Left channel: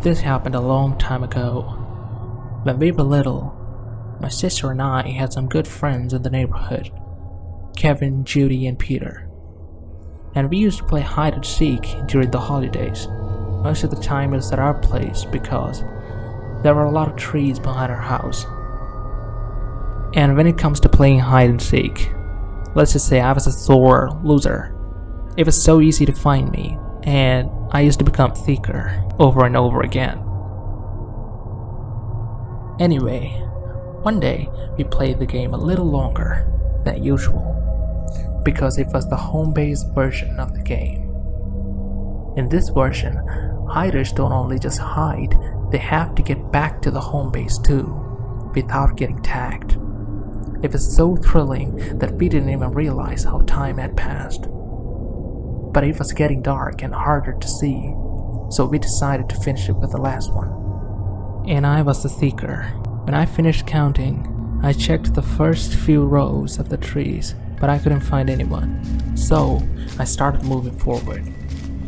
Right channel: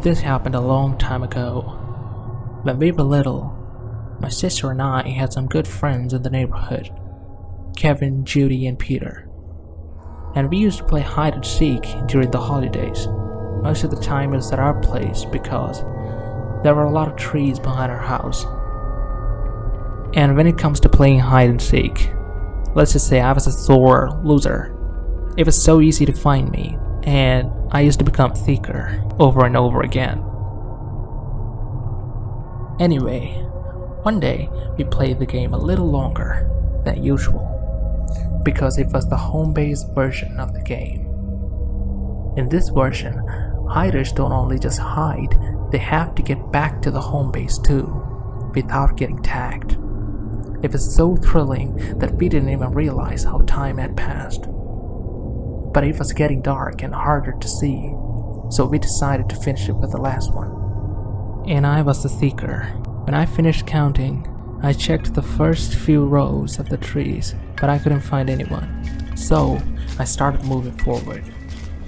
This happened a long time ago. When we were little, my sister and I had some good friends in the neighborhood, Kevin, Judy, and Peter. And we used to play hide and seek during the holidays. Most of the time it was at our place because there were a lot of trees behind our house. And when it comes to playing hide and seek, let's just say I was a sore loser. It was so easy to find me, and I used to become seeker over and over again. Anyway, one day we played the game a little longer than usual because it was the home-based version of the game. In this version, hiders don't only just hide, they have to get back to the home base too, without getting tagged. It was so thrilling that we didn't even realize how time had passed. But it was getting dark and harder to see, so we decided to finish it with the last one. And I was the seeker. When I finished counting, I checked the first few rows of the trees, but I couldn't find anyone. So I started moving forward.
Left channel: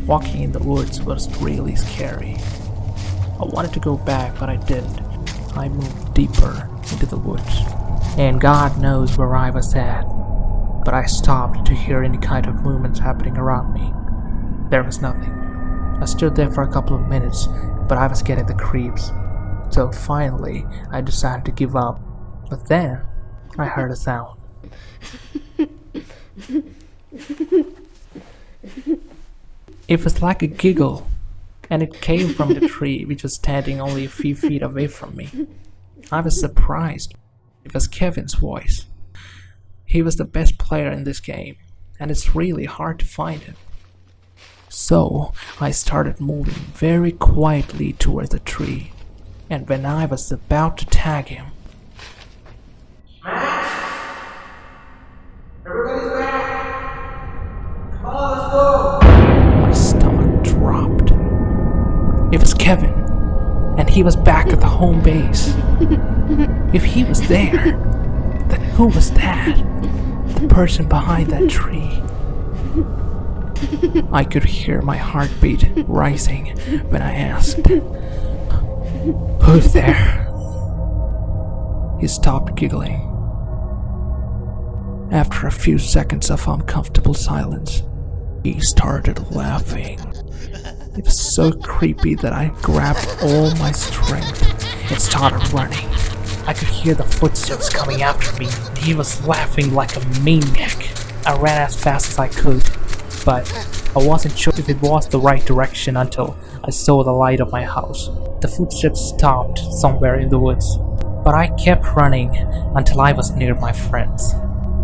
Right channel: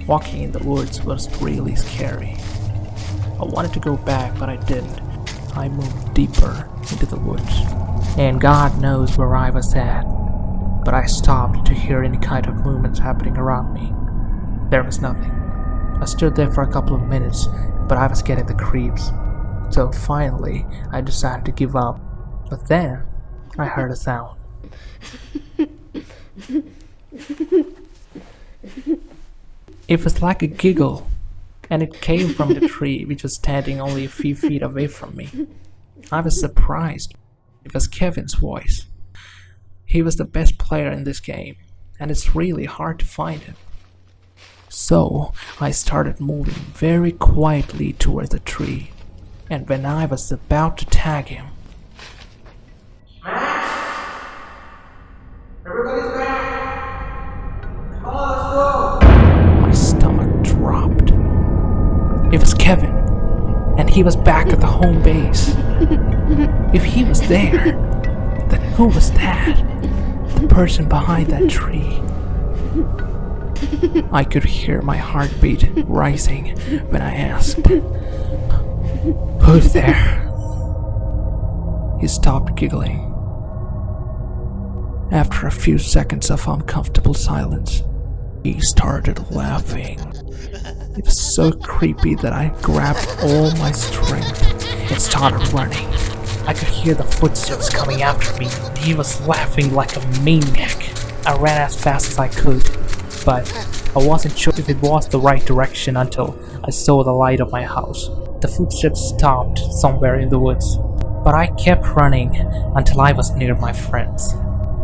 Walking in the woods was really scary. I wanted to go back, but I didn't. I moved deeper into the woods, and God knows where I was at. But I stopped to hear any kind of movements happening around me. There was nothing. I stood there for a couple of minutes, but I was getting the creeps. So finally, I decided to give up. But then, I heard a sound. It was like a giggle, and it came from the tree which was standing only a few feet away from me. I was surprised. It was Kevin's voice. He was the best player in this game, and it's really hard to find him. So I started moving very quietly towards the tree, and when I was about to tag him, Max! Everybody's back! Come on, let's go! my stomach dropped. It was Kevin, and he was back at the home base. If he was there, then who was that? The person behind that tree. I could hear my heartbeat rising when I asked, "Who's there?" He stopped giggling. After a few seconds of uncomfortable silence, he started laughing. It was so creepy that I grabbed all my strength and started running. I could hear the footsteps coming after me, and he was laughing like a maniac. I ran as fast as I could, but I wasn't sure if it was the right direction until I saw the light of my house. The footsteps stopped somewhere in the woods, but I kept running until I was near my friends.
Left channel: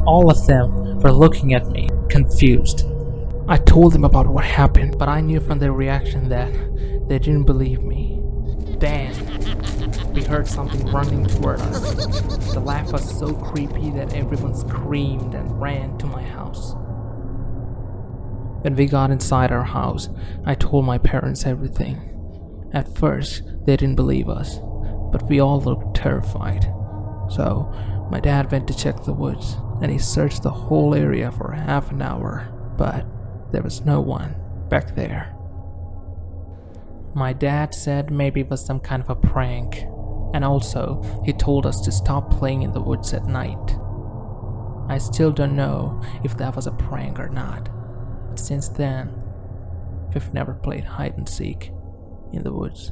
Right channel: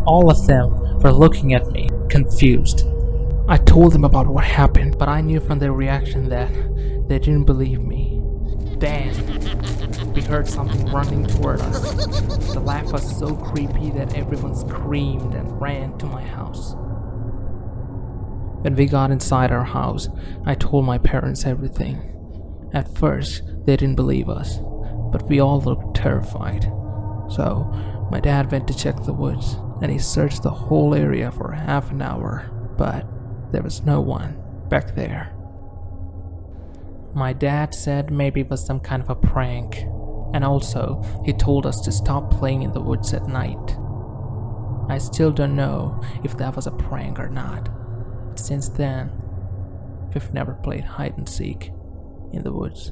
All of them were looking at me, confused. I told them about what happened, but I knew from their reaction that they didn't believe me. Then, we heard something running toward us. The laugh was so creepy that everyone screamed and ran to my house. When we got inside our house, I told my parents everything. At first, they didn't believe us, but we all looked terrified. So, my dad went to check the woods, and he searched the whole area for half an hour, but there was no one back there. My dad said maybe it was some kind of a prank, and also he told us to stop playing in the woods at night. I still don't know if that was a prank or not. Since then, we've never played hide and seek in the woods.